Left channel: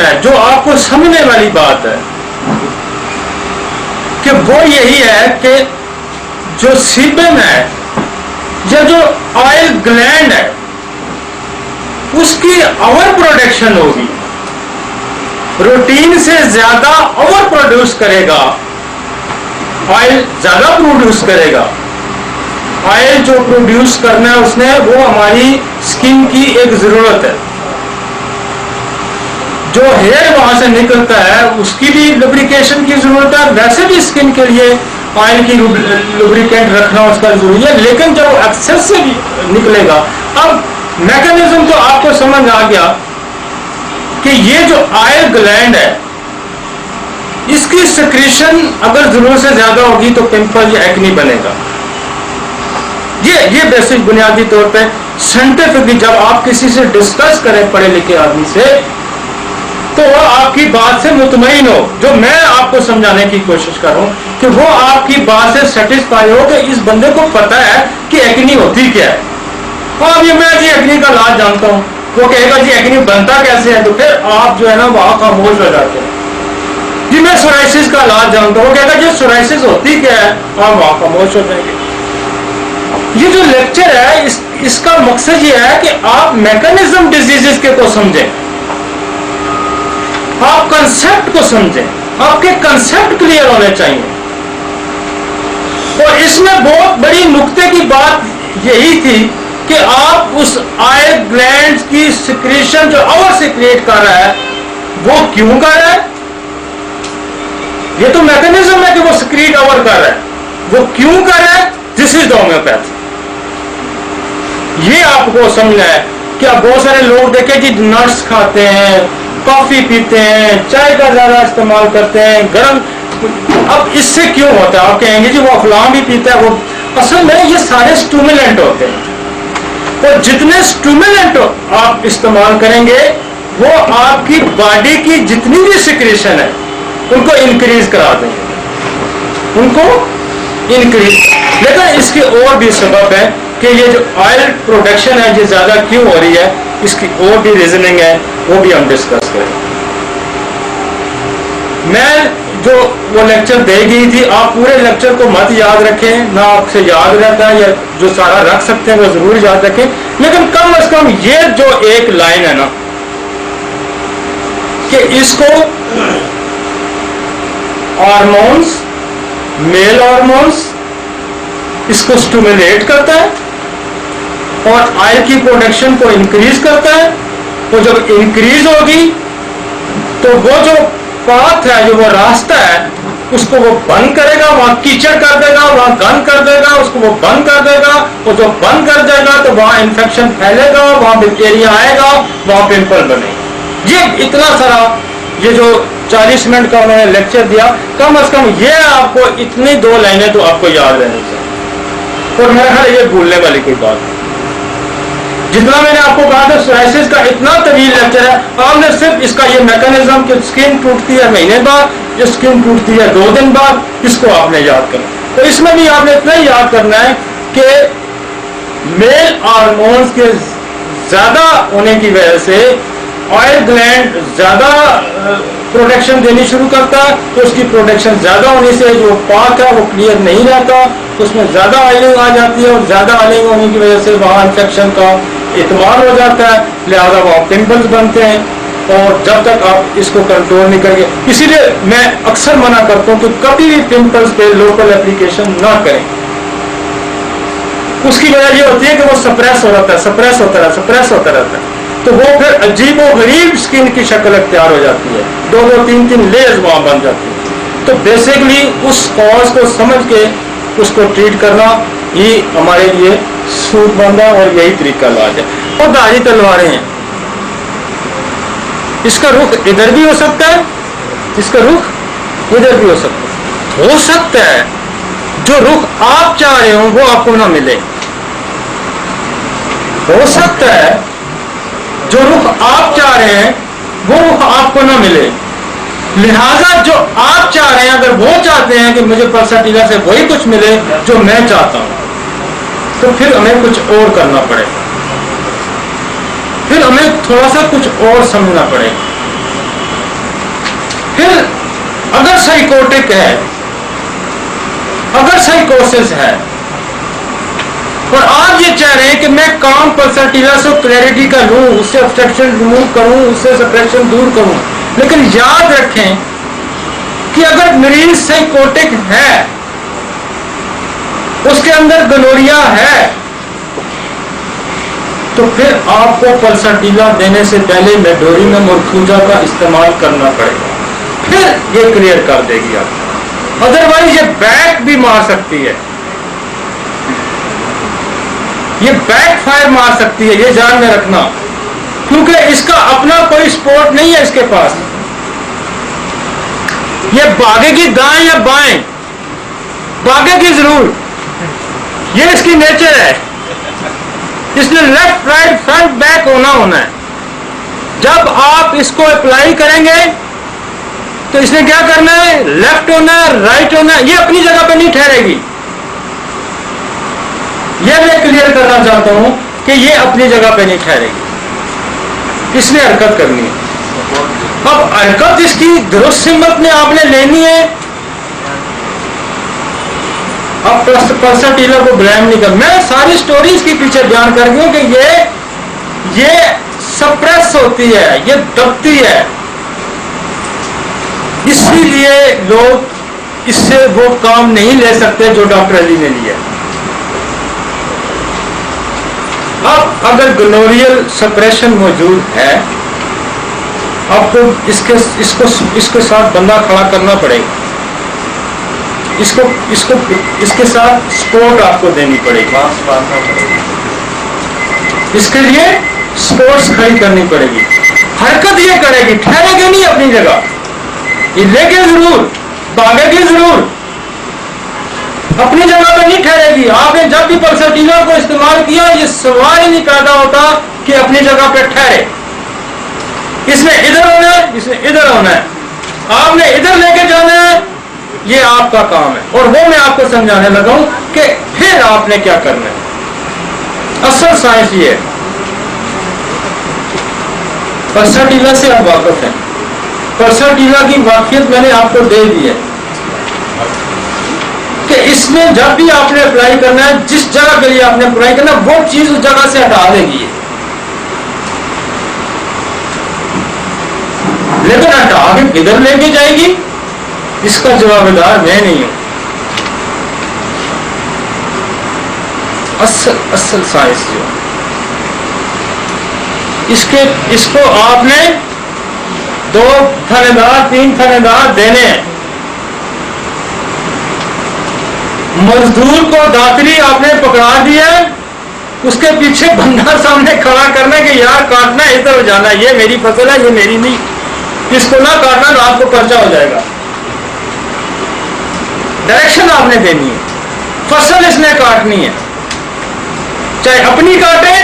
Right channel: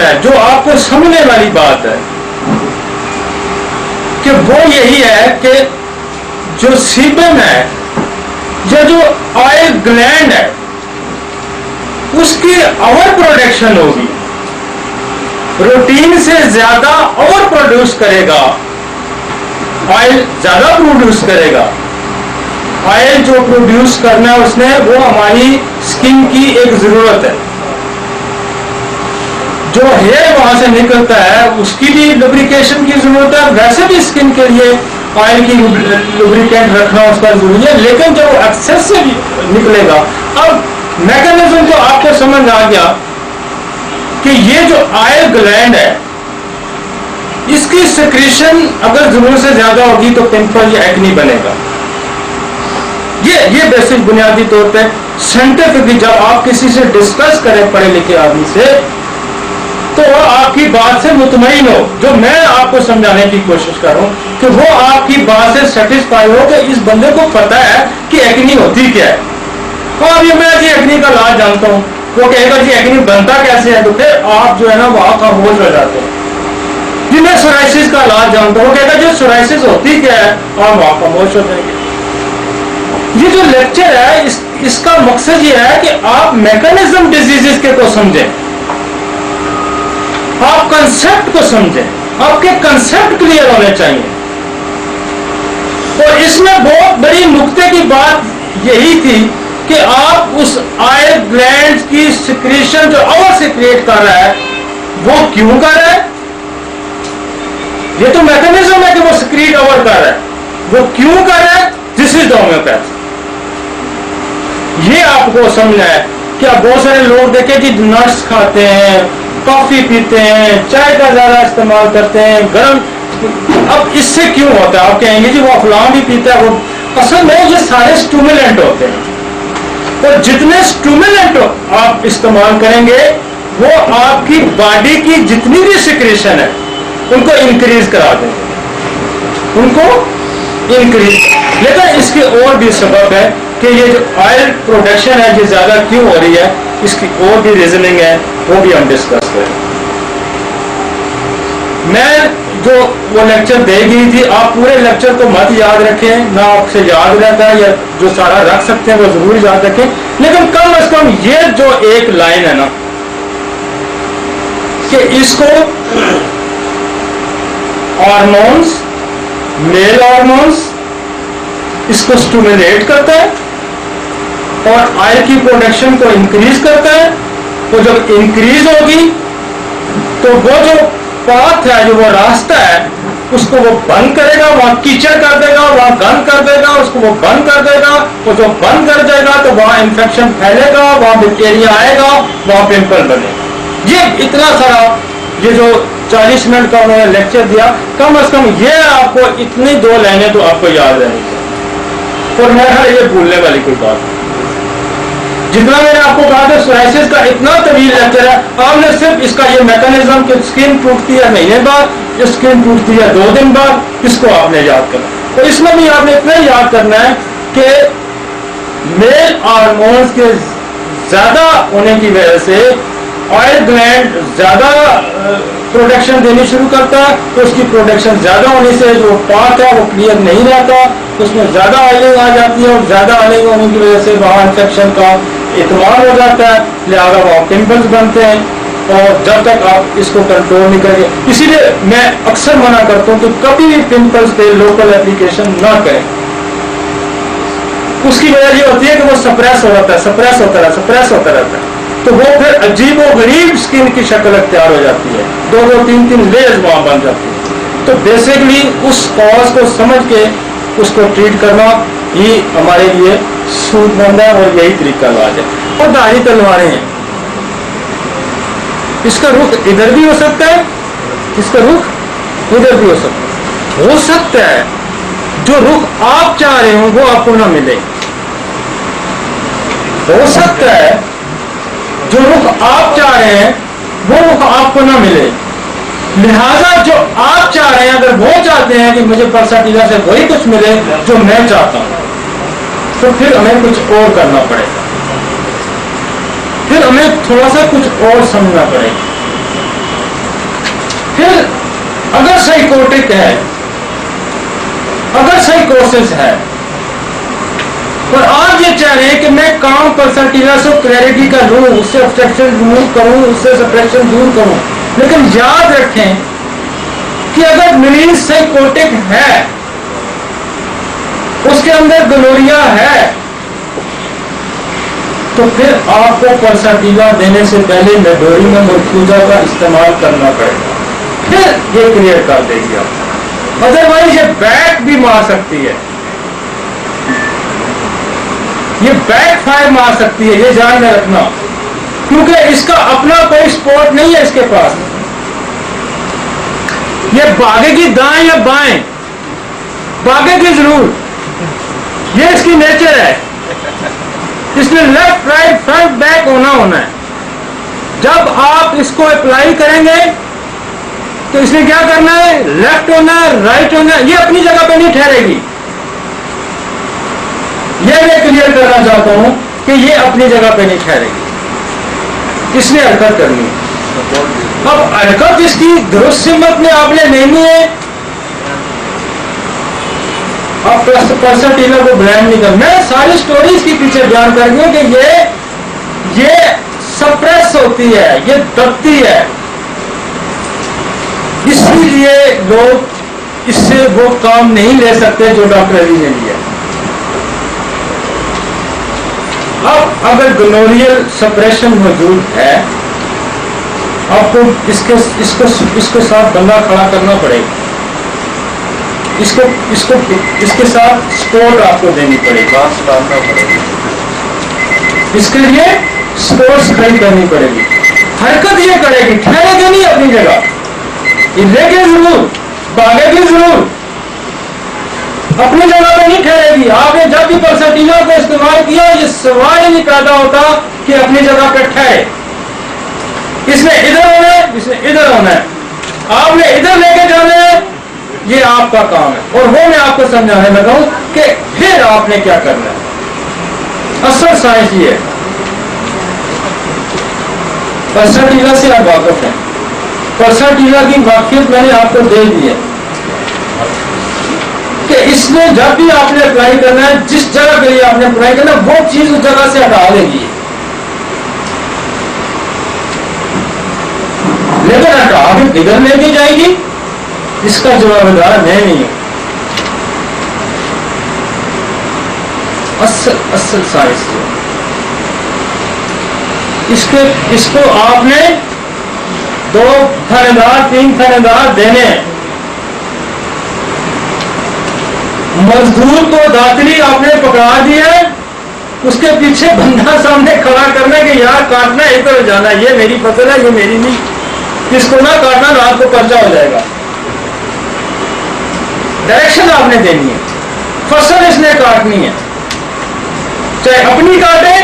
है, जो आपको समझने वाली बात है कि वो यही है कि जो सीबम है या जो ऑयल ग्लैंड है उसकी ओवर प्रोडक्शन होगी, रूटीन से ज्यादा ओवर प्रोड्यूस करेगा, ऑयल ज्यादा प्रोड्यूस करेगा। ऑयल जो प्रोड्यूस करना है उसने, वो हमारी स्किन की एक जरूरत है। जो हेयर वहां से निकलता है उसकी भी लुब्रिकेशन की जरूरत है, वैसे भी स्किन के लिए ऑयल की लुब्रिकेंट रखना उसका जरूरी है। लेकिन जब एक्सेस से निकलेगा, अब मैकेनिज्म जो आपको समझ आ गया कि ये जो ऑयल ग्लैंड है इसकी सिक्रीशन अगर जरूरत से ज्यादा होगी तो पिंपल या एक्नी बनेगा। ये बेसिक बुनियादी तौर पे साइंटिफिकली जब आप किसी से डिस्कस करें पढ़े लिखे आदमी से, तो वो आपकी बात से मुतमईन हो। जो मैं आपको समझाने की कोशिश कर रहा हूं कि वो आपकी बात से सेटिस्फाई हो कि इस बंदे को पता है कि एक्नी होती क्या है। हाँ, ये मैं जी एक्नी का इलाज जानता हूं, वो कहेगा जी एक्नी बनता कैसे है, तो फिर आप जो है ना वहां खामोश हो जाते हैं। जी मैं सोराइसिस का इलाज जानता हूं, वो कहेगा जी सोराइसिस होती क्या है, आप वहां खामोश हो जाएंगे। ये जो लेक्चर है इसका मकसद ये है कि आप मैकेनिज्म डिजीजेस के को समझें, आप कंसेप्ट को समझें, आपके कंसेप्ट क्लियर होने चाहिए। और इसमें बहुत बड़ी नुक्ते की बात यही थी कि आप उस ऑयल ग्लैंड्स की सिक्रीशन जो ओवर सिक्रिएट कर रहा है वो क्यों कर रहा है। ये तो मैकेनिज्म है कि वो सिक्रीट ओवर कर रहा है, वो क्यों कर रहा है, दिस इज द होम्योपैथ। ये आपको समझना है कि आप बहुत सारे लोग देखे जी नट्स खाते हैं, कॉफी पीते हैं, चाय का ज्यादा इस्तेमाल करते हैं, गर्म। अब इससे क्यों होता है, आप कहेंगे जी वो अफलाम भी पीता है। वो असल में ये सारे स्टिमुलेंट होते हैं, और जितने स्टिमुलेंट आप इस्तेमाल करेंगे वो आपकी बॉडी की जितनी भी सिक्रेशन है उनको इंक्रीज करा देंगे, उनको इंक्रीज। लेकिन इसके और भी सबब है कि ये जो ऑयल प्रोडक्शन है ये ज्यादा क्यों हो रही है, इसकी और भी रीजनिंग है, वो भी हम डिस्कस करें। मैं जो वो लेक्चर दे गई थी, आप पूरे लेक्चर को मत याद रखें, ना आपसे याद रहता है, या जो सारा रख सकते हैं वो जरूर याद रखें। लेकिन कम से कम ये जो एक लाइन है ना कि इसको हार्मोन्स, मेल हार्मोन्स इसको स्टिमुलेट करता है और ऑयल की प्रोडक्शन को इंक्रीज करता है। तो जब इंक्रीज होगी तो वो जो पाथ है, जो वो रास्ता है, उसको वो बंद करेगा, वहां कीचड़ कर देगा, वहां गंद कर देगा, उसको वो बंद कर देगा। और जो बंद कर जाएगा तो वहां इंफेक्शन फैलेगा, वहां बैक्टीरिया आएगा, वहां पिंपल बनेगा। ये इतना सारा, ये जो 40 मिनट का उन्होंने लेक्चर दिया, कम से कम ये आपको इतनी 2 लाइनें तो आपको याद रहनी चाहिए। और मेरा ख्याल ये भूलने वाली कोई बात नहीं। जितना मैंने आपको कहा था सोराइसिस का इतना तवील लेक्चर है, आपने सिर्फ इसका ये मैकेनिज्म कि स्किन टूटती है महीने बाद, स्किन टूटती है 2 दिन बाद, इसको आपने याद करना। तो इसमें भी आपने इतना ही याद करना है कि मेल हार्मोन्स के ज्यादा होने की वजह से ऑयल ग्लैंड ज्यादा प्रोडक्शन देनी शुरू करता है, तो उसकी प्रोडक्शन ज्यादा होने से जो पाथ है वो क्लियर नहीं रहता, उसमें ज्यादा ऑयलिंग आ जाती है, और ज्यादा ऑयलिंग होने की वजह से वहाँ इन्फेक्शन का इतमाल हो जाता है, लिहाजा वहाँ पिंपल्स बनते हैं। और जब तक आप इसको कंट्रोल नहीं करेंगे, इसीलिए मैं अक्सर मना करता हूँ कि कभी भी पिंपल्स पे लोकल एप्लीकेशन ना करें। उसकी वजह ये होती है कि वो सप्रेस हो जाता है, सप्रेस होता रहता है, तो वो फिर अजीब व गरीब स्किन की शक्ल अख्तियार हो जाती है, 2-2, 3-3 लेयर्स वहां बन जाती है। तो बेसिकली उस कॉज को समझ के उसको ट्रीट करना ही हमारे लिए सूदमंद है, और यही तरीका इलाज है। और धारी तलवारें हैं, इसका रुख इधर भी हो सकता है, इसका रुख इधर भी हो सकता है जो रुख आप चाह रहे हो वो आपको ना मिले, हो सकता है जो रुख आप चाह रहे हैं वो रुख आपको ना मिले। लिहाजा जो आप चाह रहे हैं, अगर वो चाहते हैं कि मुझे पल्साटीला से वही कुछ मिले जो मैं चाहता हूं, तो फिर हमें कुछ और करना पड़ेगा, फिर हमें थोड़ा सा कुछ और समझना पड़ेगा। साइकोटिक है, अगर साइकोसिस है और आप ये चाह रहे हैं कि मैं काम पल्सर से क्लैरिटी का लूं, उससे ऑब्स्ट्रक्शन रिमूव करूं, उससे सप्रेशन दूर करूं, लेकिन याद रखें कि अगर मरीज साइकोटिक है, उसके अंदर गोनोरिया है, तो फिर आपको पल्सर देने से पहले मेडोरिनम और थूजा का इस्तेमाल करना पड़ेगा, फिर ये क्लियर कर देगी आप। अदरवाइज ये बैक भी मार सकती है, ये बैक फायर मार सकती है, ये ध्यान में रखना, क्योंकि इसका अपना कोई सपोर्ट नहीं है इसके पास। ये भागेगी दाएं या बाएं, भागेगी जरूर, ये इसकी नेचर है। इसने लेफ्ट राइट फ्रंट बैक होना है। जब आप इसको अप्लाई करेंगे तो इसने क्या करना है, लेफ्ट होना है, राइट होना है, ये अपनी जगह पे नहीं ठहरेगी। ये मैं क्लियर करना चाहता हूं कि ये अपनी जगह पे नहीं ठहरेगी, इसने हरकत करनी है। अब हरकत इसकी दुरुस्त हिम्मत में आपने लेनी है। अब पल्सर टीलर को ब्लेम नहीं कर, मैं सारी स्टोरीज के पीछे बयान कर रही हूं कि ये सप्रेस होती है, ये दबती है, इसीलिए लोग इससे वो काम नहीं ले सकते जो डॉक्टर अली ने लिया। अब अगर गोनोरियल सप्रेशन मौजूद है, आपको इसके साथ बंदा खड़ा करना पड़ेगा, इसके साथ सपोर्ट आपको देनी पड़ेगी, इसके लिए सपोर्ट्स खड़ी करनी पड़ेगी। हरकत ये करेगी, ठहरेगी नहीं अपनी जगह, ये लेके जरूर, भागेगी जरूर, अपनी जगह पे नहीं ठहरेगी। आपने जब भी पल्सर को इस्तेमाल किया, ये सवाल ही नहीं पैदा होता कि अपनी जगह पे ठहरे। इसने इधर होना है, इसने इधर होना है, आपने इधर लेके जाना है, ये आपका काम है। और वो मैं आपको समझाने लगा हूं कि फिर आपने क्या करना है। असल साइंस ये है। पल्सर से आप वाकिफ हैं, पल्सर की वाकियत मैंने आपको दे दी है कि इसमें जब भी आपने अप्लाई करना है, जिस जगह के लिए आपने अप्लाई करना है, वो चीज उस जगह से हटा देगी, लेकिन हटा के किधर लेके जाएगी इसका जवाबदार मैं नहीं हूं। असल साइंस जो इसको आपने 2 थानेदार 3 थानेदार देने हैं। मजदूर को दातरी आपने पकड़ा दिया, उसके पीछे बंदा सामने खड़ा करना कि यार काटना है, इधर जाना है, ये मेरी फसल है, ये मेरी नहीं, इसको ना काटना, रात को पर्चा हो जाएगा। डायरेक्शन आपने देनी है, फसल इसने काटनी है, चाहे अपनी काटे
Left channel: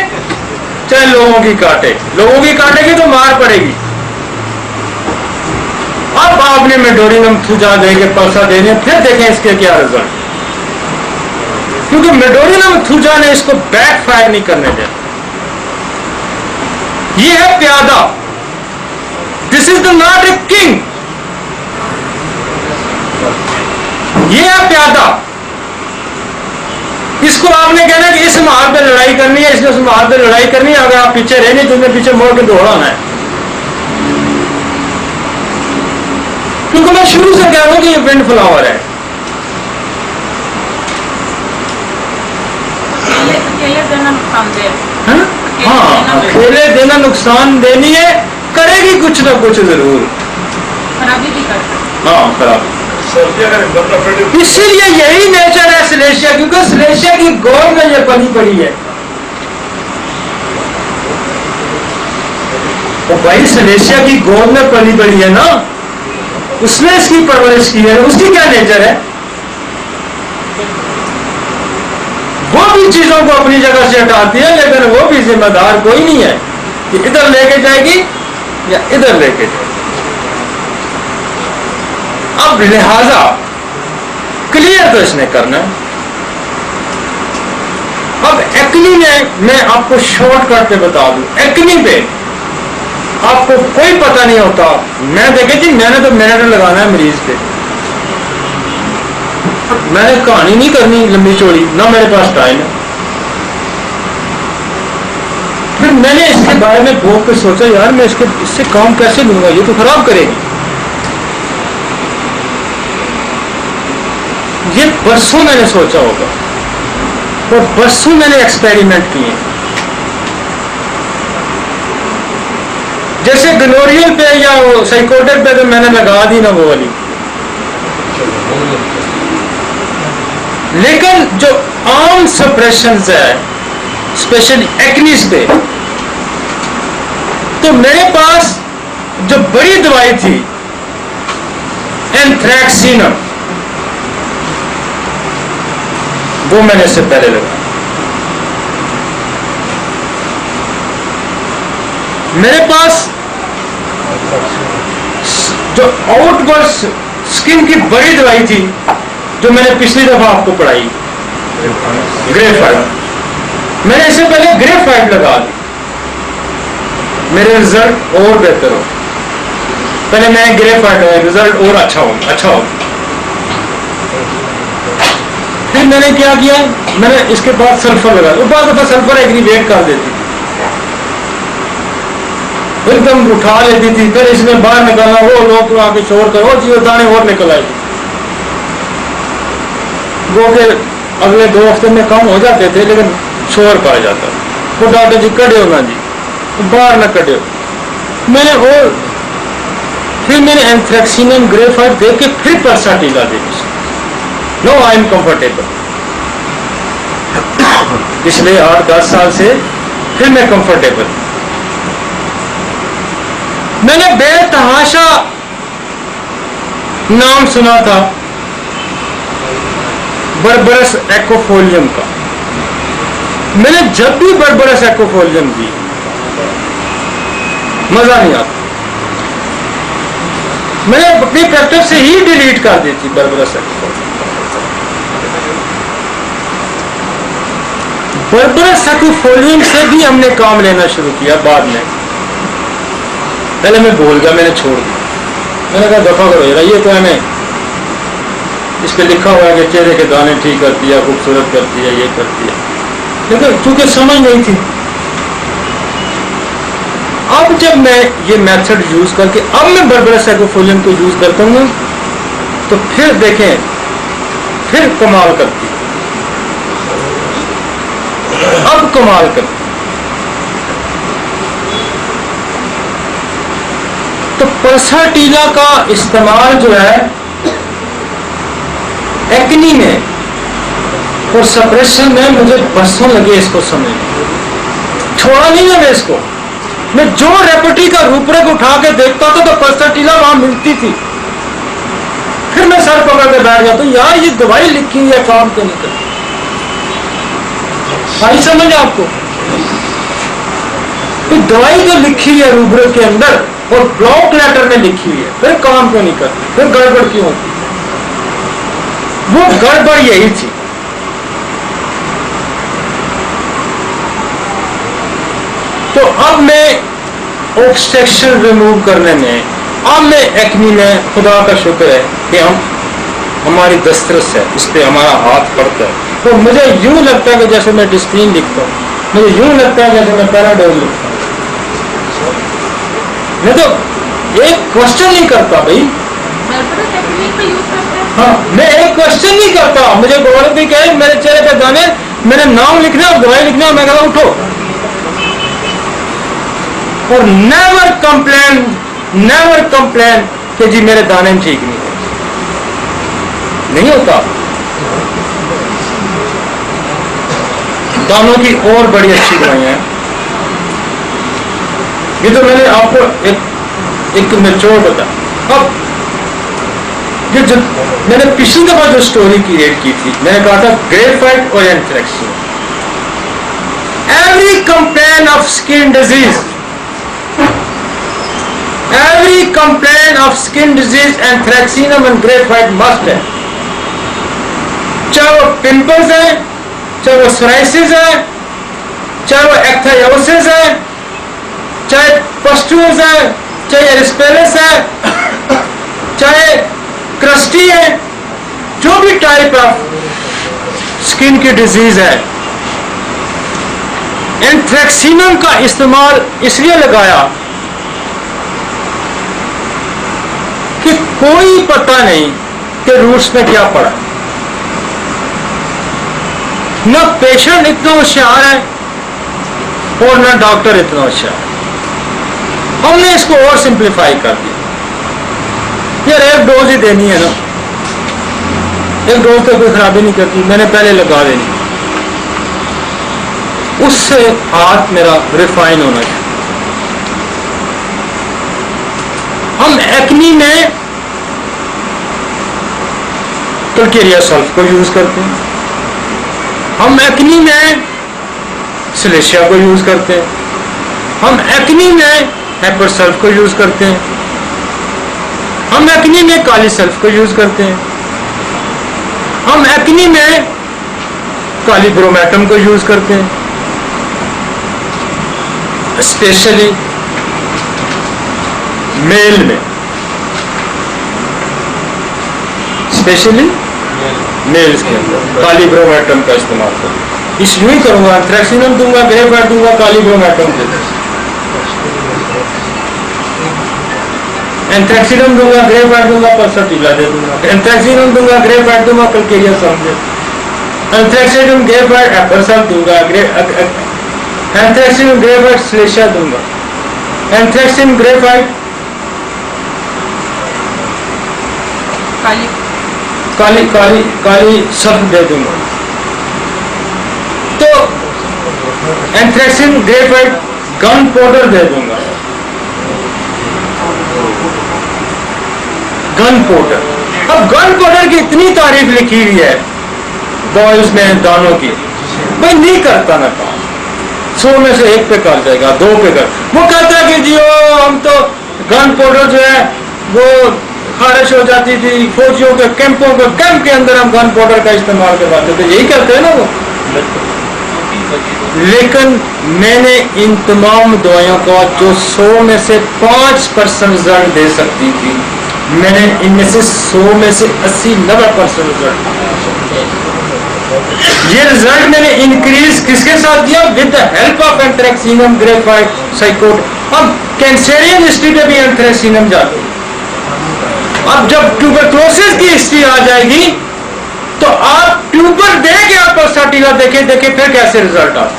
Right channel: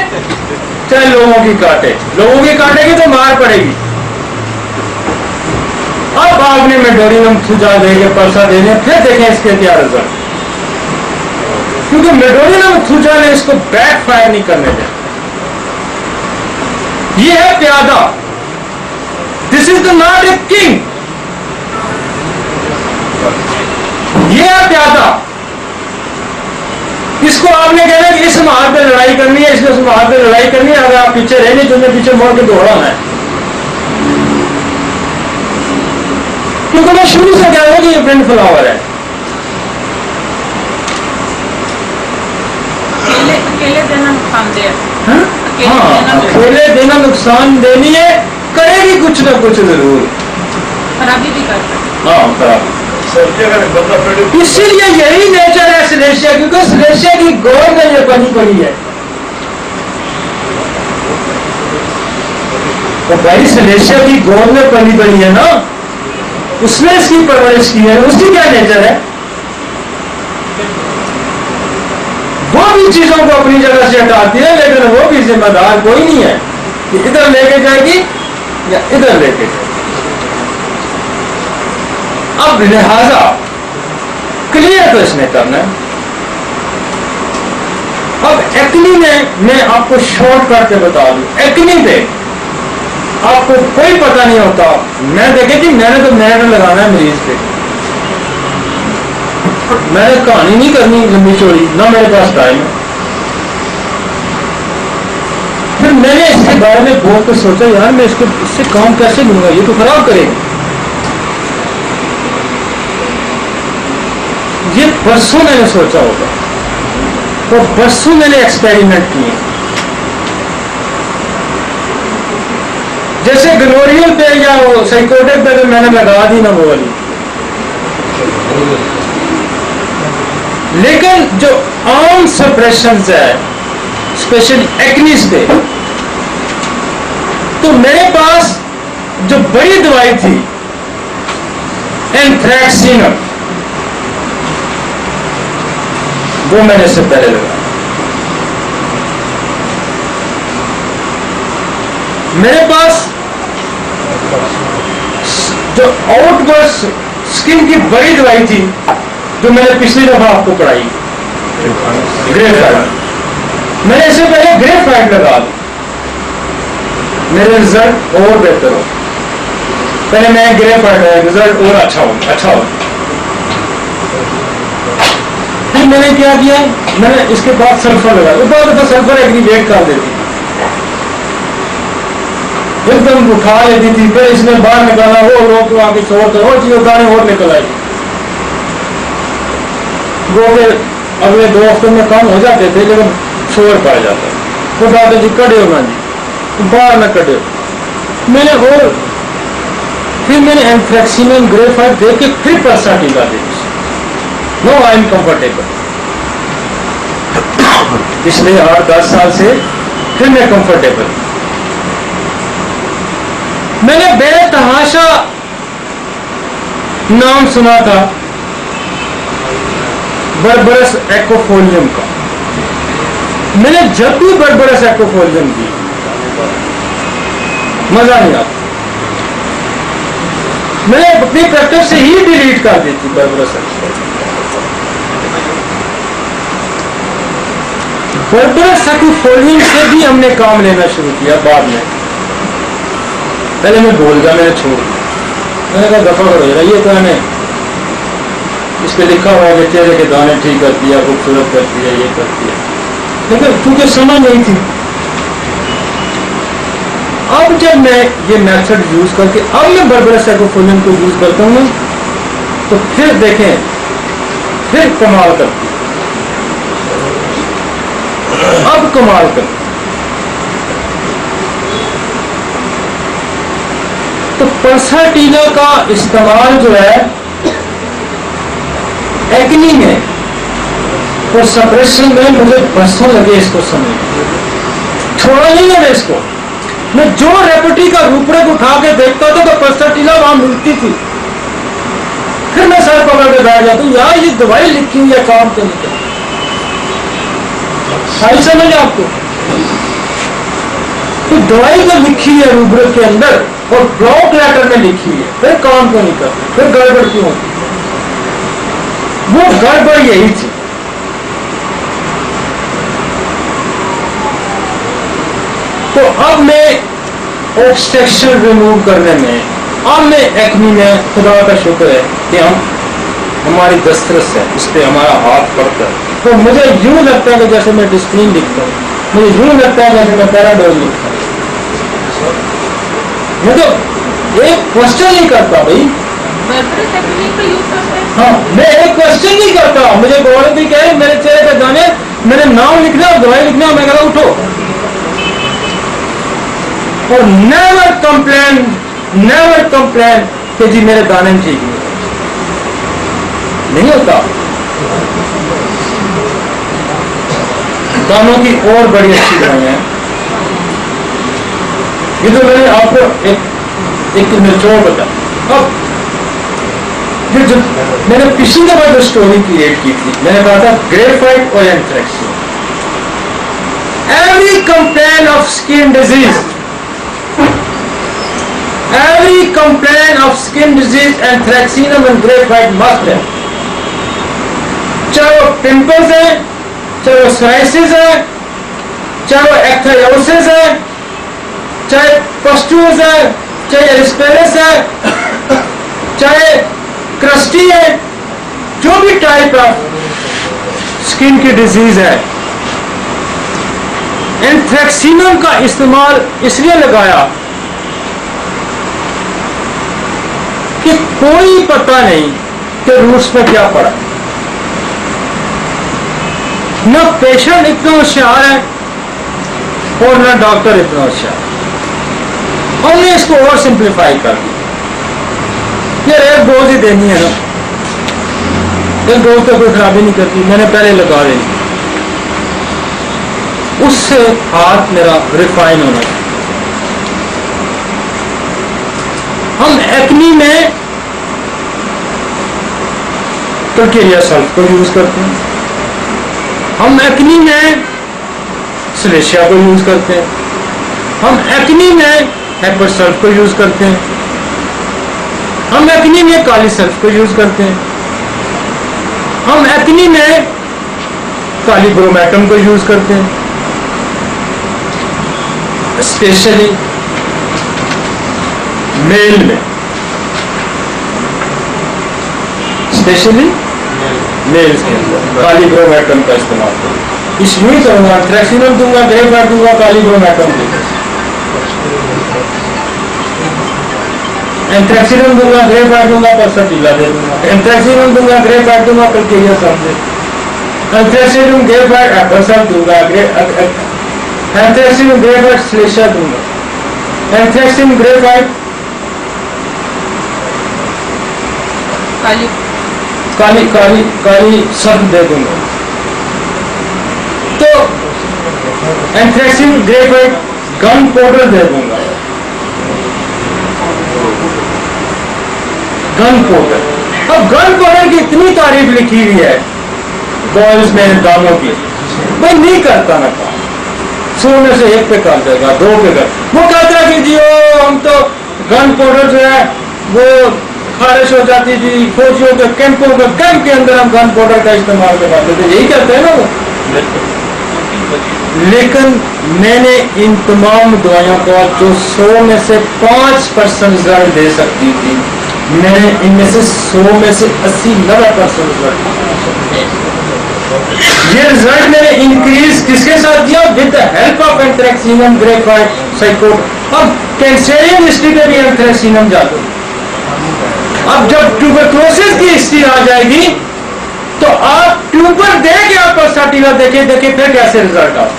चाहे लोगों की काटे। लोगों की काटेगी तो मार पड़ेगी। अब आपने मेडोरिनम थूजा देके पल्सा देने, फिर देखें इसके क्या रिजल्ट, क्योंकि मेडोरिनम थूजा ने इसको बैक फायर नहीं करने दिया। ये है प्यादा, this is the not a king, ये है प्यादा। इसको आपने कहना कि इस मार्ग पे लड़ाई करनी है, इसने उस मार्ग पे लड़ाई करनी है, अगर आप पीछे रहने तो पीछे मोड़ के दौड़ाना है। क्योंकि मैं शुरू से कह रहा हूं कि ये विंड फ्लावर है। अकेले देना नुकसानदेह है। हाँ, अकेले देना नुकसान देनी है, करेगी कुछ ना कुछ जरूर, खराबी भी करती। हाँ खराबी। इसीलिए यही नेचर है सिलेशिया, क्योंकि सिलेशिया की गोद में ये पली पड़ी है। तो भाई सिलेशिया की गोद में पली पड़ी है ना, उसने इसकी परवरिश की है, उसकी क्या नेचर है। वो भी चीजों को अपनी जगह से हटाती है, लेकिन वो भी जिम्मेदार कोई नहीं है कि इधर लेके जाएगी या इधर लेके जाएगी। अब लिहाजा क्लियर तो इसने करना है। अब एक्नी में मैं आपको शॉर्टकट पे बता दूं, एक्नी पे आपको कोई पता नहीं होता। मैं देखे जी, मैंने तो मिनट लगाना है मरीज पे, मैंने कहानी नहीं करनी लंबी चौड़ी, ना मेरे पास टाइम है। फिर मैंने इसके बारे में बहुत कुछ सोचा, यार मैं इससे काम कैसे लूंगा, ये तो खराब करेगी। ये बरसों मैंने सोचा होगा और बरसों मैंने एक्सपेरिमेंट किए। जैसे गनोरियल पे या साइकोटिक पे तो मैंने लगा दी ना वो वाली, लेकिन जो आम सप्रेशंस है स्पेशली एक्नीज पे, तो मेरे पास जो बड़ी दवाई थी एंथ्रैक्सिनम, वो मैंने इससे पहले लगा। मेरे पास जो आउटवर्ड स्किन की बड़ी दवाई थी जो मैंने पिछली दफा आपको पढ़ाई, ग्रेफाइट, मैंने इससे पहले ग्रेफाइट लगा दी, मेरे रिजल्ट और बेहतर हो। पहले मैंने ग्रेफाइट लगाया, रिजल्ट और अच्छा हो। फिर मैंने क्या किया, मैंने इसके बाद सल्फर लगाया, वो बाद दफा सल्फर एग्रीवेट कर देती थी, एकदम उठा लेती थी, फिर इसने बाहर निकालना, वो लोग आके शोर कर, वो चीज दाने और निकल आए, वो फिर अगले 2 हफ्ते में कम हो जाते थे, लेकिन शोर पड़ जाता। वो डॉक्टर जी कटे हो ना जी, बाहर न कटे हो। मैंने और फिर मैंने एंथ्रैक्सिनम ग्रेफाइट दे के फिर पल्साटीला दे दी। No I am comfortable. पिछले 8-10 साल से फिर मैं कंफर्टेबल। मैंने बेतहाशा नाम सुना था बर्बरस एक्वोफोलियम का। मैंने जब भी बर्बरस एक्वोफोलियम दी, मजा नहीं आता, मैंने अपनी प्रैक्टिस से ही डिलीट कर दी थी बर्बरस एक्वोफोलियम। बर्बरस एक्वोफोलियम से भी हमने काम लेना शुरू किया बाद में। पहले मैं भूल गया, मैंने छोड़ दिया। मैंने कहा दफा करो यार, ये तो है इस पे लिखा हुआ है कि चेहरे के दाने ठीक करती है, खूबसूरत करती है, ये करती है, लेकिन चूंकि समझ नहीं थी। अब जब मैं ये मेथड यूज करके अब मैं बर्बरस एक्वोफोलियम को यूज करता हूँ, तो फिर देखें, फिर कमाल करती है, अब कमाल करती। तो पल्साटीला का इस्तेमाल जो है एक्नी में और सप्रेशन में मुझे बरसों लगे इसको समझ, छोड़ा नहीं है मैं इसको। मैं जो रेपटी का रूपरेख उठा के देखता था तो पल्साटीला वहां मिलती थी, फिर मैं सर पकड़ के बैठ जाता हूं, यार ये दवाई लिखी हुई है, काम तो नहीं करती। आई समझ आपको? ये दवाई तो लिखी है रूपरेख के अंदर और ब्लॉक लेटर में लिखी हुई है, फिर काम क्यों नहीं करती, फिर गड़बड़ क्यों होती? वो गड़बड़ यही थी। तो अब मैं ऑब्स्ट्रक्शन रिमूव करने में, अब मैं एक्नी में, खुदा का शुक्र है कि हमारी दस्तरस है, इस पर हमारा हाथ पड़ता है। तो मुझे यूं लगता है कि जैसे मैं डिस्प्लिन लिखता हूँ, मुझे यूं लगता है जैसे मैं पैराडोल लिखता हूँ। मैं तो एक क्वेश्चन नहीं करता भाई, हाँ मैं एक क्वेश्चन नहीं करता। मुझे गौरव भी कहे मेरे चेहरे पे दाने, मैंने नाम लिखना और दवाई लिखना, मैं कहता उठो, और नेवर कंप्लेन कि जी मेरे दाने ठीक नहीं होता। दानों की और बड़ी अच्छी दवाइयां हैं। ये तो मैंने आपको एक निचोड़ बताया। अब ये जो मैंने पिछली दफा जो स्टोरी क्रिएट की थी, मैंने कहा था ग्रेफाइट और एंथ्रैक्सिन। Every complain of skin disease, every complaint of skin disease anthracinum and graphite must है। चाहे वो पिंपल्स है, चाहे वो सोराइसिस है, चाहे वो एक्थायोसिस है, चाहे पस्टूल्स है, चाहे एरिस्पेलिस है, चाहे क्रस्टी है, जो भी टाइप ऑफ स्किन की डिजीज है, एंथ्रेक्सिनम का इस्तेमाल इसलिए लगाया कि कोई पता नहीं कि रूट्स में क्या पड़ा। न पेशेंट इतना होशियार है और न डॉक्टर इतना होशियार। हमने इसको और सिंप्लीफाई कर दिया, यार एक डोज ही देनी है ना, एक डोज तो कोई खराबी नहीं करती, मैंने पहले लगा देनी, उससे हाथ मेरा रिफाइन होना चाहिए। हम एक्नी में कल्केरिया सल्फ को यूज करते हैं, हम एक्नी में सिलेशिया को यूज करते हैं, हम एक्नी में हेपर सल्फ को यूज करते हैं, हम एक्नी में काली सल्फ को यूज करते हैं, हम एक्नी में काली ब्रोमेटम को यूज करते हैं। स्पेशली मेल में, स्पेशली मेल्स के अंदर काली ब्रोमेटम का इस्तेमाल करूँ। इसलिए ही करूंगा, एंथ्रेक्सिनम दूंगा, ग्रेफाइट दूंगा, काली ब्रोमेटम दूंगा, एंथ्रेक्सिनम दूंगा, ग्रेफाइट दूंगा, पल्सटीला दे दूंगा, एंथ्रेक्सिनम दूंगा, ग्रेफाइट दूंगा, कल्केरिया सल्फ दे, एंथ्रेक्सिनम ग्रेफाइट एपर सल्फ दूंगा, एंथ्रेक्सिनम ग्रेफाइट सिलेशिया दूंगा, एंथ्रेक्सिन graphite Kali Kali Kali kali sulph दे दूंगा। तो एंथ्रेक्सिन ग्रेफाइट गन पाउडर दे दूंगा, गन पाउडर। अब गन पाउडर की इतनी तारीफ लिखी हुई है बॉयल्स में दानों की, भाई नहीं करता ना काम, 100 में से 1 पे कर जाएगा, 2 पे कर। वो कहता है कि जी ओ हम तो गन पाउडर जो है वो खारिश हो जाती थी, फौजियों के कैंपों के कैंप के अंदर हम गन पाउडर का इस्तेमाल करवाते थे, यही कहते हैं ना वो। लेकिन मैंने इन तमाम दवाइयों का जो 100 में से 5% रिजल्ट दे सकती थी, मैंने इनमें से 100 में से 80-90% रिजल्ट। ये रिजल्ट मैंने इंक्रीज किसके साथ दिया? With the help of anthracinum graphite साइकोट। अब कैंसरियन हिस्ट्री पे भी एंथ्रेक्सिनम जाते हैं। अब जब ट्यूबरक्लोसिस की हिस्ट्री आ जाएगी तो आप ट्यूबर दे के आप पल्सटीला देखे फिर कैसे रिजल्ट आप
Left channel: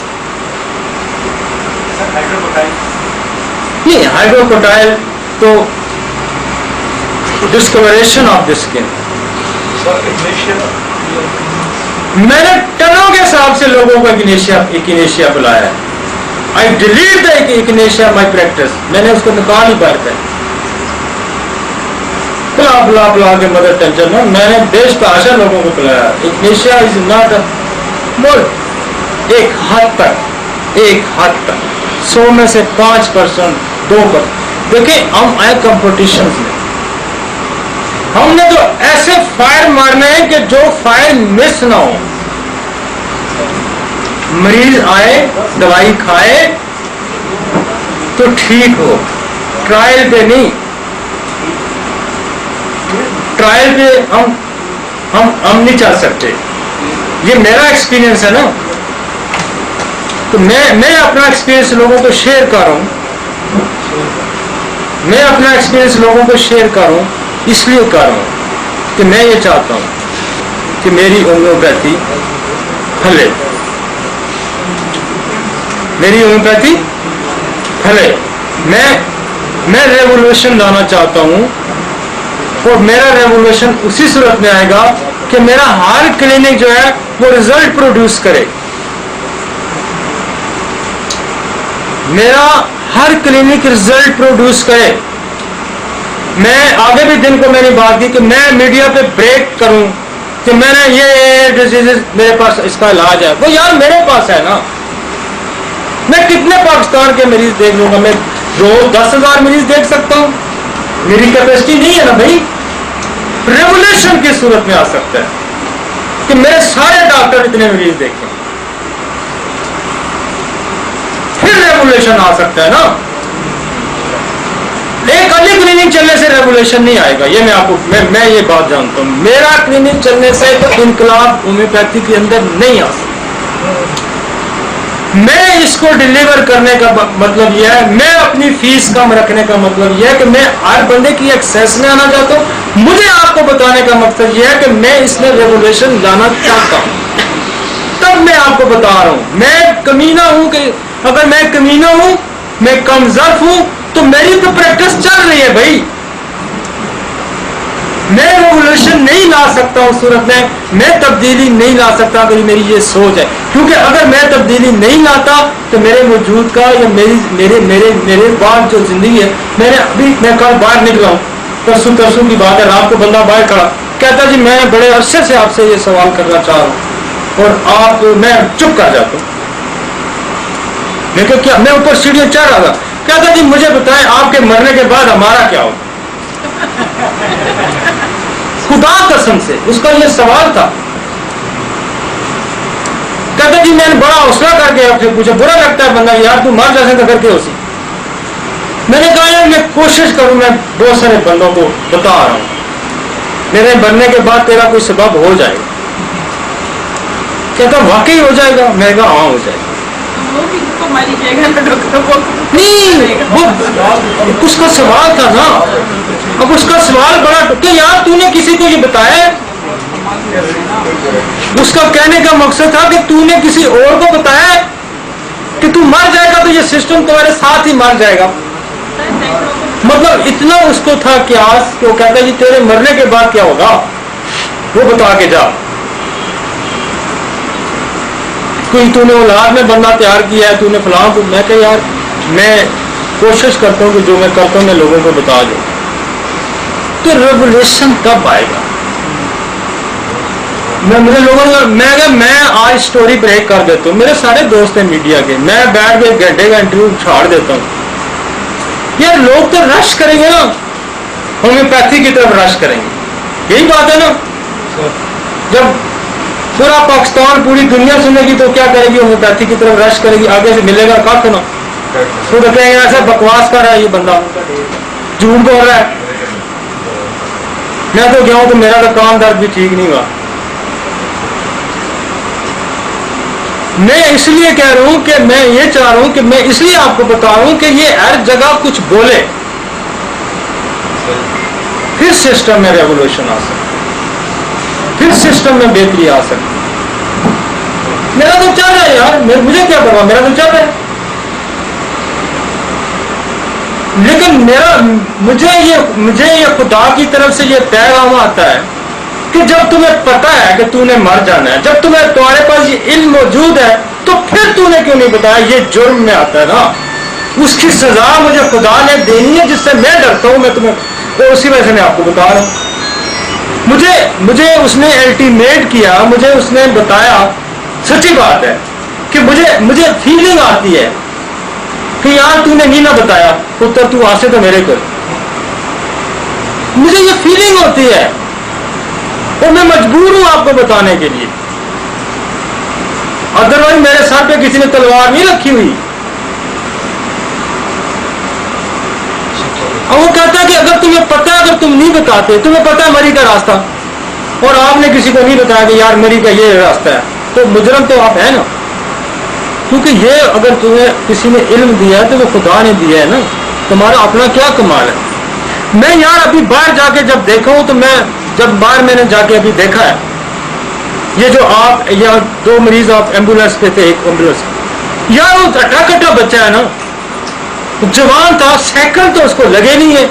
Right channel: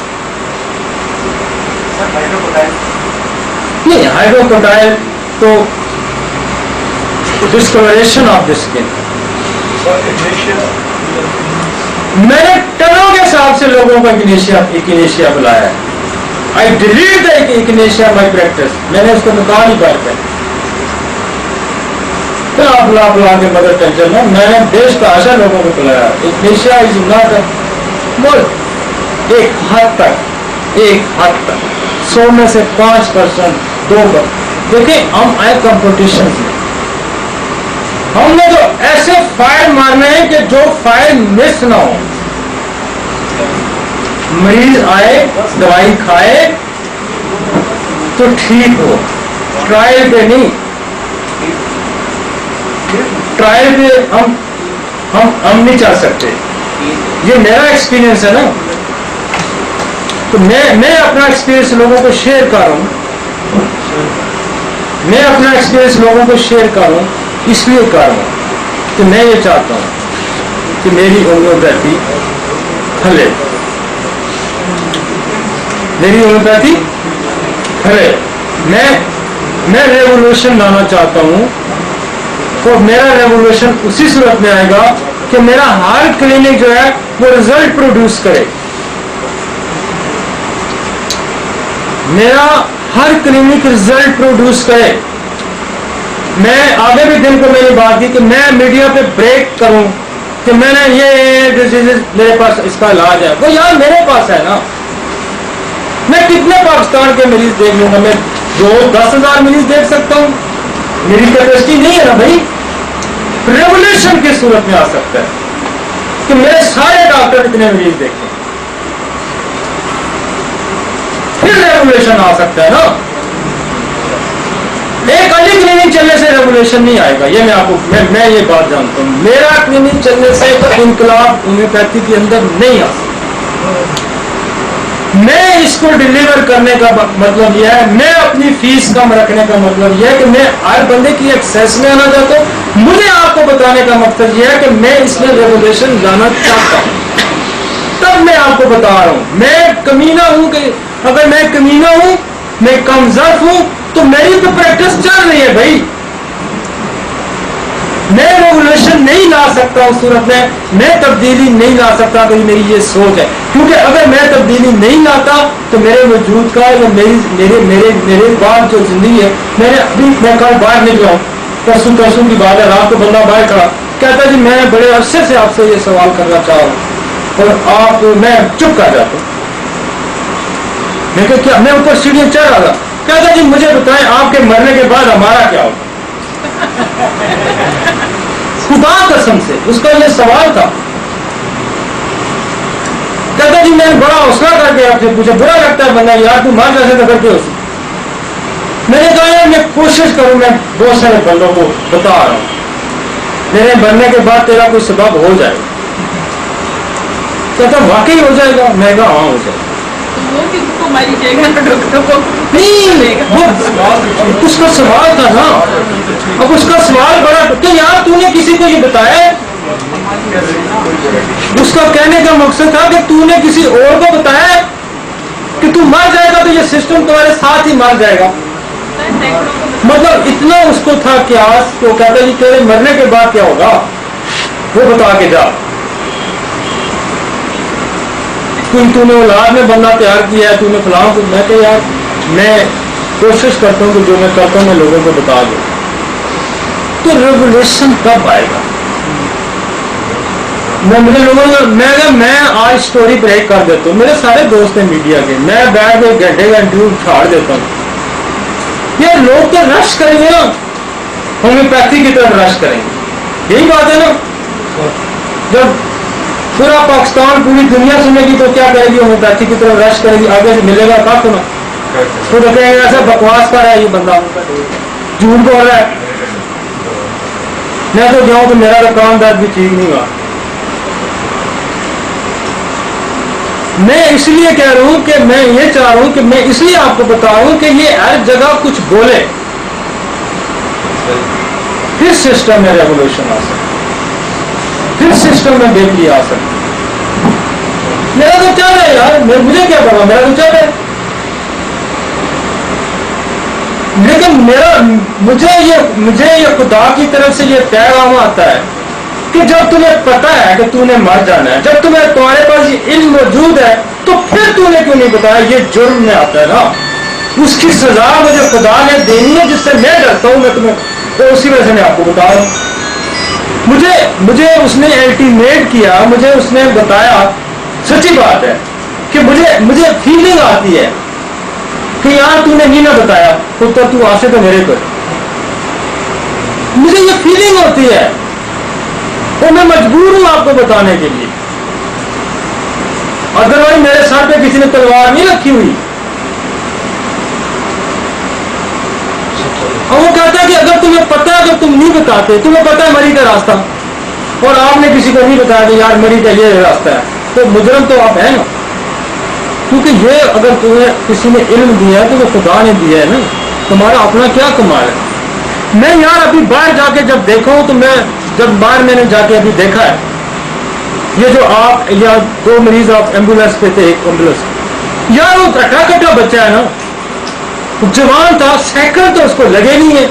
नहीं। हाइड्रोकोटाइल तो डिस्कलरेशन ऑफ द स्किन, मैंने टनों के हिसाब से लोगों को इकिनेशिया बुलाया है। I delete the echinacea my practice, मैंने उसको निकाल ही पाया था। बुला के मदर टेंशन में मैंने देश का आशा लोगों को बुलाया। इकिनेशिया इज नॉट बोल एक हद तक 100 में से 5%, 2%। देखिए हम आए कंपटीशन में, हमने तो ऐसे फायर मारने हैं कि जो फायर मिस ना हो। मरीज आए, दवाई खाए तो ठीक हो, ट्रायल पे नहीं। ट्रायल पे हम नहीं चल सकते, ये मेरा एक्सपीरियंस है ना। तो मैं अपना एक्सपीरियंस लोगों को शेयर कर रहा हूं, मैं अपना एक्सपीरियंस लोगों को शेयर कर रहा हूं, इसलिए कर रहा हूं कि मैं ये चाहता हूं कि मेरी होम्योपैथी फैले, मेरी होम्योपैथी फैले। मैं रेवोल्यूशन लाना चाहता हूं और मेरा रेवोल्यूशन उसी सूरत में आएगा कि मेरा हर क्लिनिक जो है वो रिजल्ट प्रोड्यूस करे। मेरा हर क्लिनिक रिजल्ट प्रोड्यूस करे। मैं आगे भी दिन को मेरी बात की कि मैं मीडिया पे ब्रेक करूं कि मैंने ये डिजीज मेरे पास इसका इलाज है। वो यार मेरे पास है ना, मैं कितने पाकिस्तान के मरीज देख लूंगा? मैं 10,000 मरीज देख सकता हूं, मेरी कैपेसिटी नहीं है ना भाई। रेवोल्यूशन की सूरत में आ सकता है कि मेरे सारे डॉक्टर इतने मरीज देखें, फिर रेवोल्यूशन आ सकता है ना। एक अली क्लिनिक चलने से रेगुलेशन नहीं आएगा, ये मैं आपको मैं ये बात जानता हूँ। मेरा क्लिनिक चलने से इनकलाब होम्योपैथी के अंदर नहीं आ सकता। मैं इसको डिलीवर करने का मतलब यह है, मैं अपनी फीस कम रखने का मतलब यह है कि मैं हर बंदे की एक्सेस में आना चाहता हूँ। मुझे आपको बताने का मकसद यह है कि मैं इसमें रेगुलेशन लाना चाहता हूँ, तब मैं आपको बता रहा हूँ। मैं कमीना हूँ कि अगर मैं कमीना हूँ, मैं कमजोर हूँ, तो मेरी तो प्रैक्टिस चल रही है भाई। मैं रेगुलेशन नहीं ला सकता उस सूरत में, मैं तब्दीली नहीं ला सकता अगर मेरी ये सोच है। क्योंकि अगर मैं तब्दीली नहीं लाता तो मेरे वजूद का या मेरे बाद जो जिंदगी है, मैं कल बाहर निकला हूँ, परसों की बात है, रात को बंदा बाहर खड़ा कहता जी मैं बड़े अरसे से आपसे ये सवाल करना चाह रहा हूँ, और मैं चुप कर जाता हूँ। मैं कहा क्या? मैं ऊपर सीढ़ियां चढ़ रहा था, कहता जी मुझे बताएं आपके मरने के बाद हमारा क्या होगा। खुदा कसम से उसका ये सवाल था। कहता जी मैंने बड़ा हौसला करके आपसे पूछा, बुरा लगता है बंदा यार तू मर जैसे तो करके उसी। मैंने कहा यार मैं कोशिश करूं, मैं बहुत सारे बंदों को बता रहा हूं मेरे मरने के बाद तेरा कोई सबब हो जाएगा। कहता वाकई हो जाएगा? मैं कहा हाँ हो जाएगा। वो किसको मारी जाएगा ना डॉक्टर को? नहीं, वो उसका सवाल था ना। अब उसका सवाल बड़ा कि यार तूने किसी को ये बताया? उसका कहने का मकसद था कि तूने किसी और को बताया कि तू मर जाएगा तो ये सिस्टम तुम्हारे साथ ही मर जाएगा। मतलब इतना उसको था क्यास, वो कहता जी तेरे मरने के बाद क्या होगा वो बता के जा। कोई तूने औलाद में बंदा तैयार किया है, तूने फलां को। मैं कह यार मैं कोशिश करता हूँ कि जो मैं करता हूँ मैं लोगों को बता दूँ। तो रेवोल्यूशन तब आएगा। मुझे लोगों ने मैं आज स्टोरी ब्रेक कर देता हूँ। मेरे सारे दोस्त हैं मीडिया के, मैं बैठ के घंटे का इंटरव्यू छाड़ देता हूँ। यार लोग तो रश करेंगे ना, होम्योपैथी की तरफ रश करेंगे, यही बात है ना। जब पूरा पाकिस्तान पूरी दुनिया सुनेगी तो क्या करेगी? होम्योपैथी की तरफ रश करेगी, आगे से मिलेगा कख ना। तो कहेंगे ऐसा बकवास कर रहा है ये बंदा, झूठ बोल रहा है। मैं तो गया हूं तो मेरा तो कान दर्द भी ठीक नहीं हुआ। मैं इसलिए कह रहा हूं कि मैं ये चाह रहा हूं कि मैं इसलिए आपको बता रहा हूं कि ये हर जगह कुछ बोले, फिर सिस्टम में रेवोल्यूशन आ सकता, फिर सिस्टम में बेहतरी आ सकती। मेरा तो चल रहा है यार, मुझे क्या परवाह, मेरा तो चल रहा है। लेकिन मुझे ये खुदा की तरफ से ये पैगाम आता है कि जब तुम्हें पता है कि तूने मर जाना है, जब तुम्हारे पास ये इल्म मौजूद है, तो फिर तूने क्यों नहीं बताया? ये जुर्म में आता है ना। उसकी सजा मुझे खुदा ने देनी है जिससे मैं डरता हूं। मैं तुम्हें तो उसी वजह से मैं आपको बता रहा हूं। मुझे उसने अल्टीमेट किया, मुझे उसने बताया। सच्ची बात है कि मुझे फीलिंग आती है कि यार तूने नहीं ना बताया पुत्र, तू आसे तो मेरे कर। मुझे ये फीलिंग होती है और मैं मजबूर हूं आपको बताने के लिए। अदरवाइज मेरे सर पे किसी ने तलवार नहीं रखी हुई। और वो कहता है कि अगर तुम्हें पता है, अगर तुम नहीं बताते, तुम्हें पता है मरी का रास्ता, और आपने किसी को नहीं बताया कि यार मरी का ये रास्ता है, तो मुजरम तो आप है ना। क्योंकि ये अगर तुम्हें किसी ने इल्म दिया है तो वो खुदा ने दिया है ना, तुम्हारा अपना क्या कमाल है। मैं यार अभी बाहर जाके जब देखा हूं, तो जब बाहर मैंने जाके अभी देखा है, ये जो आप या 2 मरीज आप एम्बुलेंस पे थे, एक एम्बुलेंस यार वो कट्टा बच्चा है ना, जवान था, सेकंड तो उसको लगे नहीं है,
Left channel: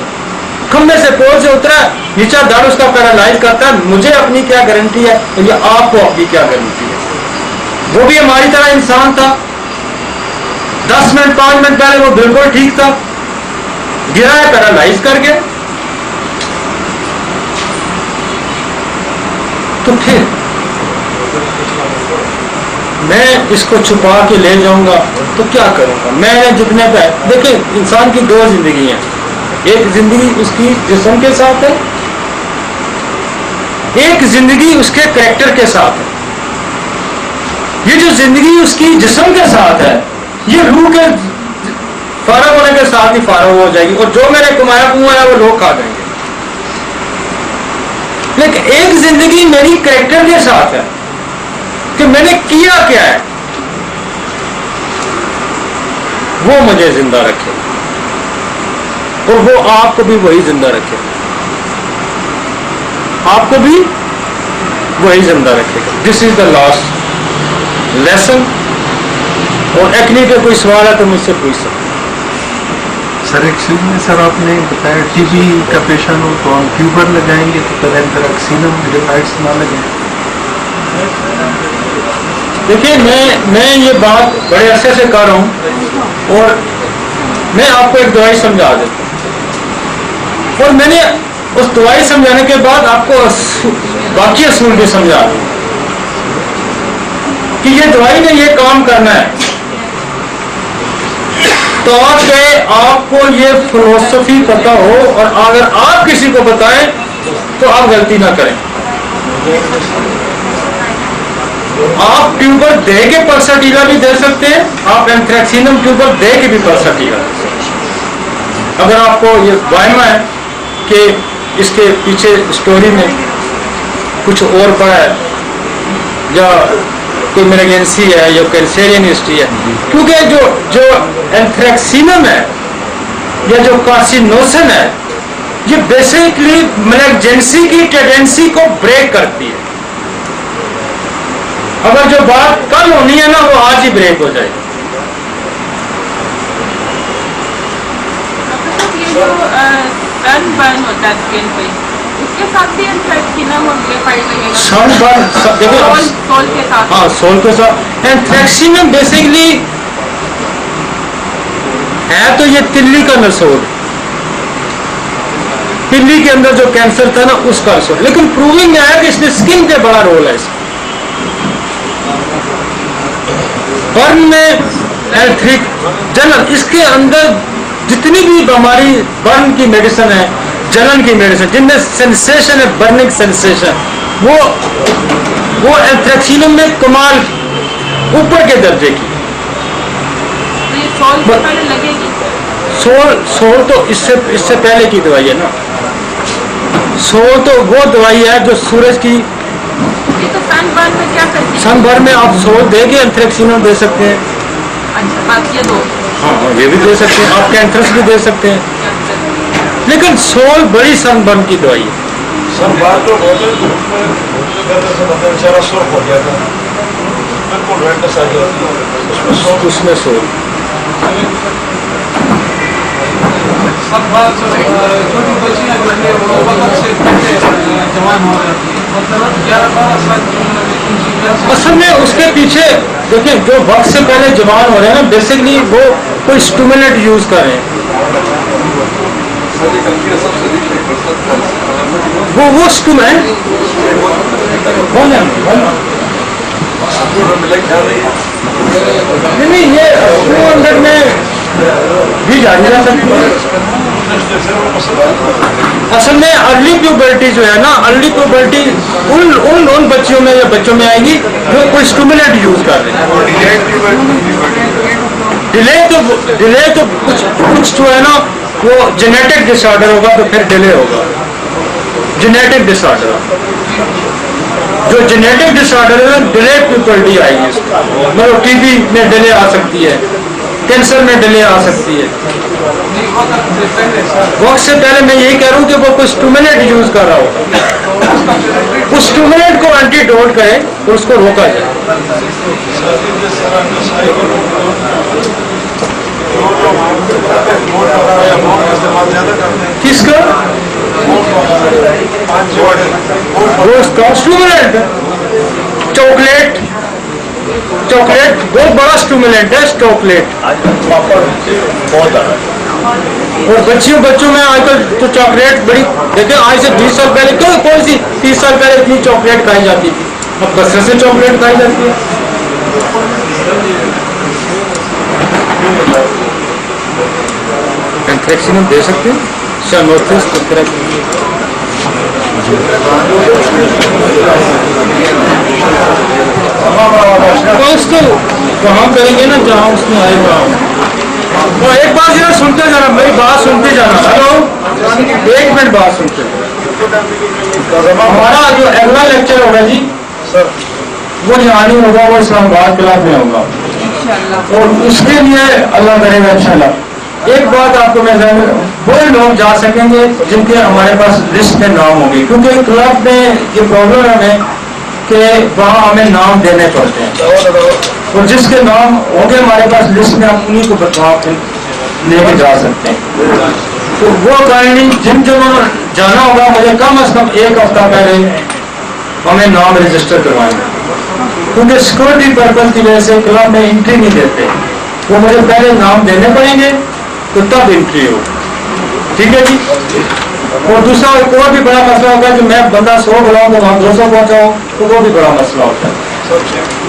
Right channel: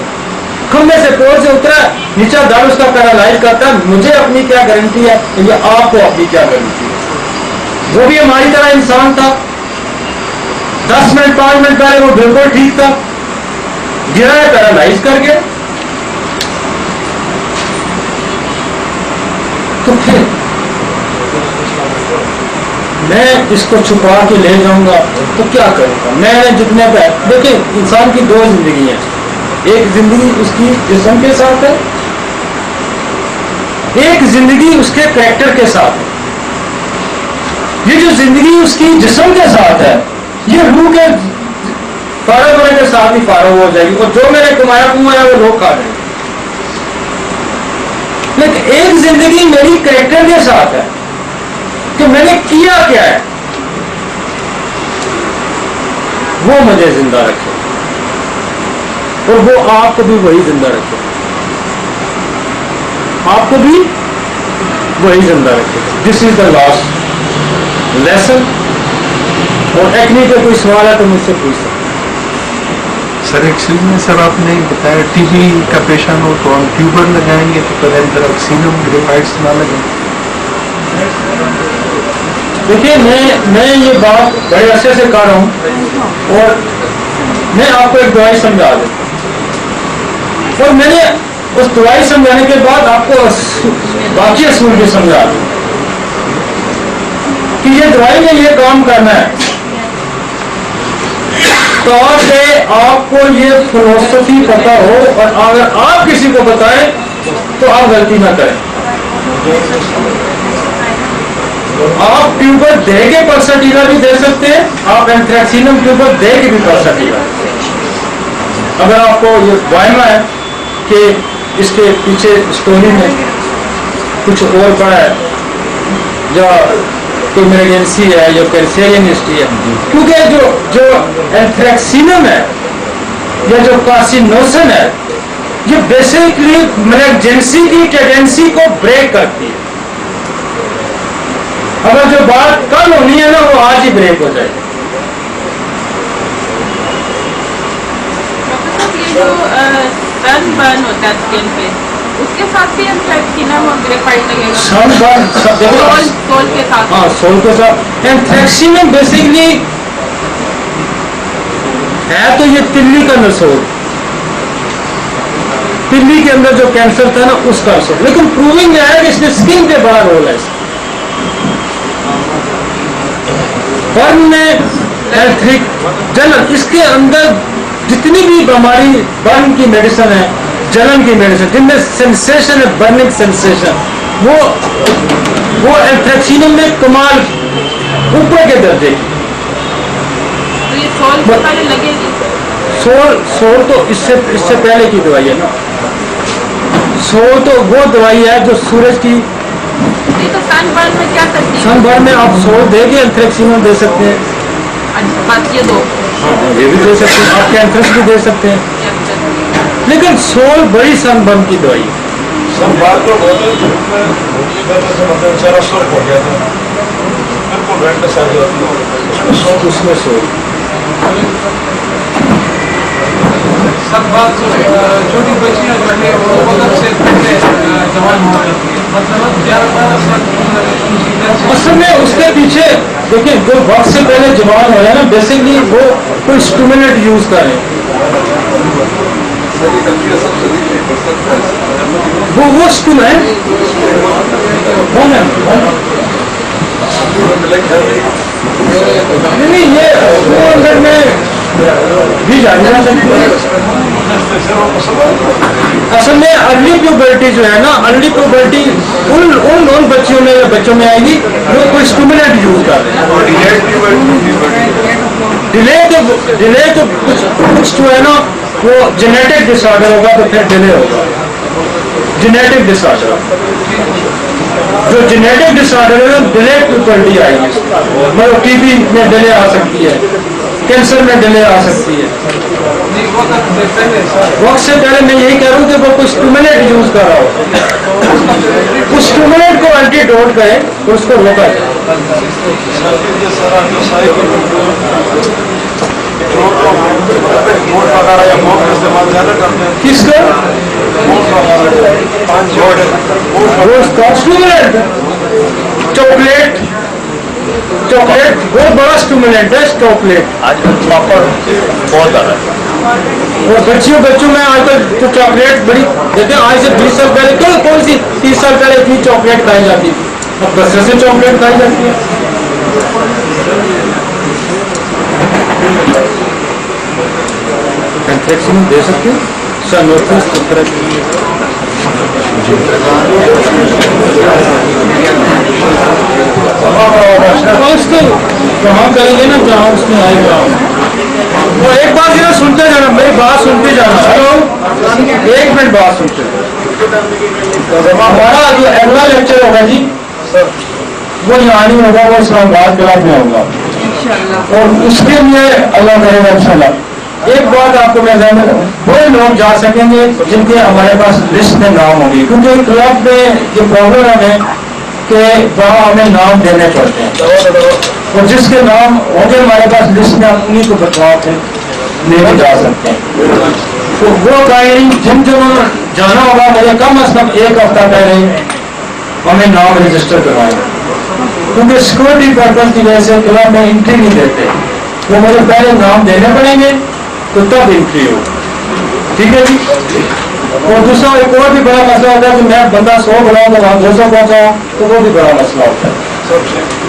खंबे से पोल से उतरा, नीचा दर्द उसका पैरालाइज करता है। मुझे अपनी क्या गारंटी है या आपको अपनी क्या गारंटी है? वो भी हमारी तरह इंसान था। 10 मिनट 5 मिनट पहले वो बिल्कुल ठीक था, गिरा है, पैरालाइज कर गया। तो फिर मैं इसको छुपा के ले जाऊंगा तो क्या करूंगा? मैंने जितने पे देखिए, इंसान की 2 जिंदगी हैं। एक जिंदगी उसकी जिस्म के साथ है, एक जिंदगी उसके कैरेक्टर के साथ है। ये जो जिंदगी उसकी जिस्म के साथ है, ये रूह के फारग होने के साथ ही फारग हो जाएगी और जो मैंने कमाया कुमाया वो लोग खा देंगे। लेकिन एक जिंदगी मेरी कैरेक्टर के साथ है कि मैंने किया क्या है, वो मुझे जिंदा रखे और वो आपको भी वही जिंदा रखे, आपको भी वही जिंदा रखेगा। This is the last lesson. और एक्ने का कोई सवाल है तो मुझसे पूछ सकते। सर एक्चुअली में सर आपने बताया टीबी का पेशेंट हो तो हम ट्यूबर लगाएंगे तो एंथ्रेक्सिनम ग्रेफाइट्स ना लगे। देखिए मैं ये बात बड़े अरसे से कर रहा हूँ और मैं आपको एक दवाई समझा देता हूँ और मैंने उस दवाई समझाने के बाद आपको बाकी असूल भी समझा दूँ कि ये दवाई ने ये काम करना है ताकि आपको ये फिलोसफी पता हो और अगर आप किसी को बताएं तो आप गलती ना करें। आप ट्यूबर दे के पल्सटीला भी दे सकते हैं, आप एंथ्रेक्सिनम ट्यूबर दे के भी पल्सटीला दे सकते हैं। अगर आपको ये वायमा है कि इसके पीछे स्टोरी में कुछ और पड़ा है या कोई इमरजेंसी है या कैंसरियन हिस्ट्री है, क्योंकि जो एंथ्रेक्सिनम है या जो कार्सिनोसिन है ये बेसिकली इमरजेंसी की टेंडेंसी को ब्रेक करती है। अगर जो बात कल होनी है ना वो आज ही ब्रेक हो जाएगी। ये जो सनबर्न होता है स्किन पे उसके साथ भी एंथ्रेक्सिनम और ग्रेफाइट लगेगा। सनबर्न सोल के साथ। हाँ सोल के साथ। एंथ्रेक्सिनम बेसिकली है तो ये तिल्ली का नसोल, तिल्ली के अंदर जो कैंसर था ना उसका नसोल, लेकिन प्रूविंग में आया कि इसमें स्किन पे बड़ा रोल है। बर्न में एंथ्रिक जलन, इसके अंदर जितनी भी बीमारी बर्न की मेडिसिन है, जलन की मेडिसिन जिनमें सेंसेशन है, बर्निंग सेंसेशन, वो एंथ्रेक्सिनम में कमाल ऊपर के दर्जे की। तो ये सोल से पहले लगेगी। सोल तो इससे पहले की दवाई है ना। सोल तो वो दवाई है जो सूरज की। तो सनबर्न में क्या करती है? सनबर्न में आप सोल दे के एंथ्रेक्सिनम दे सकते हैं। अच्छा बात ये दो। हाँ ये भी दे सकते हैं, आप कैंथरस भी दे सकते हैं, लेकिन सोल बड़ी सनबर्न की दवाई है। उसमें सोल असल में उसके पीछे देखिए जो वक्त से पहले जवान हो रहे हैं ना बेसिकली वो कोई स्टिमुलेंट यूज कर रहे हैं, वो स्टिमुलेंट नहीं ये 200 में भी जानी जा सकती है। असल में अर्ली प्यूबर्टी जो है ना, अर्ली प्यूबर्टी उन बच्चियों में या बच्चों में आएगी जो कोई स्टिमुलेंट यूज कर रहे हैं। डिले तो कुछ जो है ना वो जेनेटिक डिसऑर्डर होगा तो फिर डिले होगा। जेनेटिक डिसऑर्डर जो जेनेटिक डिसऑर्डर है डिले प्यूबर्टी आएगी, मतलब टीबी में डिले आ सकती है, कैंसर में डिले आ सकती है। वक्त से पहले मैं यही कह रहा हूँ कि वो कोई स्टिमुलेंट यूज कर रहा हो, उस स्टिमुलेंट को एंटीडोट करे तो उसको रोका जाए। किसका वो स्टिमुलेंट? चॉकलेट बहुत बड़ा स्टिमुलेंट है चॉकलेट। बहुत ज़्यादा और बच्चों में आजकल तो चॉकलेट बड़ी देखें, आज से 20 साल पहले कौन सी 30 साल पहले इतनी चॉकलेट खाई जाती थी, अब बस से चॉकलेट खाई जाती है। एंथ्रेक्सिनम दे सकते हैं, साइनोसिस उसके वहाँ करेंगे ना जहाँ उसमें आएगा। वो एक बार जरा सुनते जाना, मेरी बात सुनते जाना। हेलो, एक मिनट बात सुनते जाना। हमारा जो अगला लेक्चर होगा जी, वो यहाँ नहीं होगा, वो इस्लामाबाद क्लब में होगा, और उसके लिए अल्लाह करेगा इंशाल्लाह। एक बात आपको मैं वो लोग जा सकेंगे जिनके हमारे पास लिस्ट में नाम होगी, क्योंकि क्लब में ये प्रॉब्लम है हमें कि वहाँ हमें नाम देने पड़ते हैं, और जिसके नाम होंगे हमारे पास लिस्ट में, हम उन्हीं को बतवा के लेके जा सकते हैं। तो वो काइंडली जिन जिन्होंने जाना होगा, मुझे कम से कम एक हफ्ता पहले हमें नाम रजिस्टर करवाएंगे, क्योंकि सिक्योरिटी पर्पज की वजह से क्लब में एंट्री नहीं देते, वो मुझे पहले नाम देने पड़ेंगे तो तब एंट्री हो। ठीक है जी। और दूसरा एक और भी बड़ा मसला होता है कि मैं बंदा 100 बुलाऊं तो वहाँ 200 पहुंचाऊं, तो वो भी बड़ा मसला होता है।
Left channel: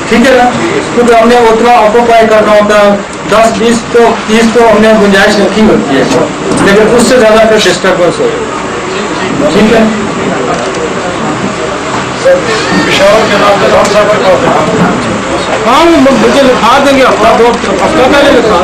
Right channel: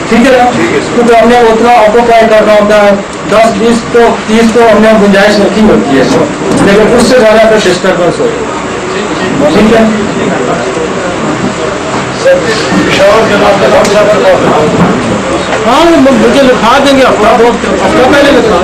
ठीक है ना, क्योंकि हमने उतना ऑक्यूपाई करना होता है, 10, 20 तो 30 तो हमने गुंजाइश रखी होती है, लेकिन उससे ज्यादा फिर डिस्टर्बेंस हो। ठीक है, हाँ मुझे लिखा देंगे, हफ्ता 2 हफ्ता पहले लिखा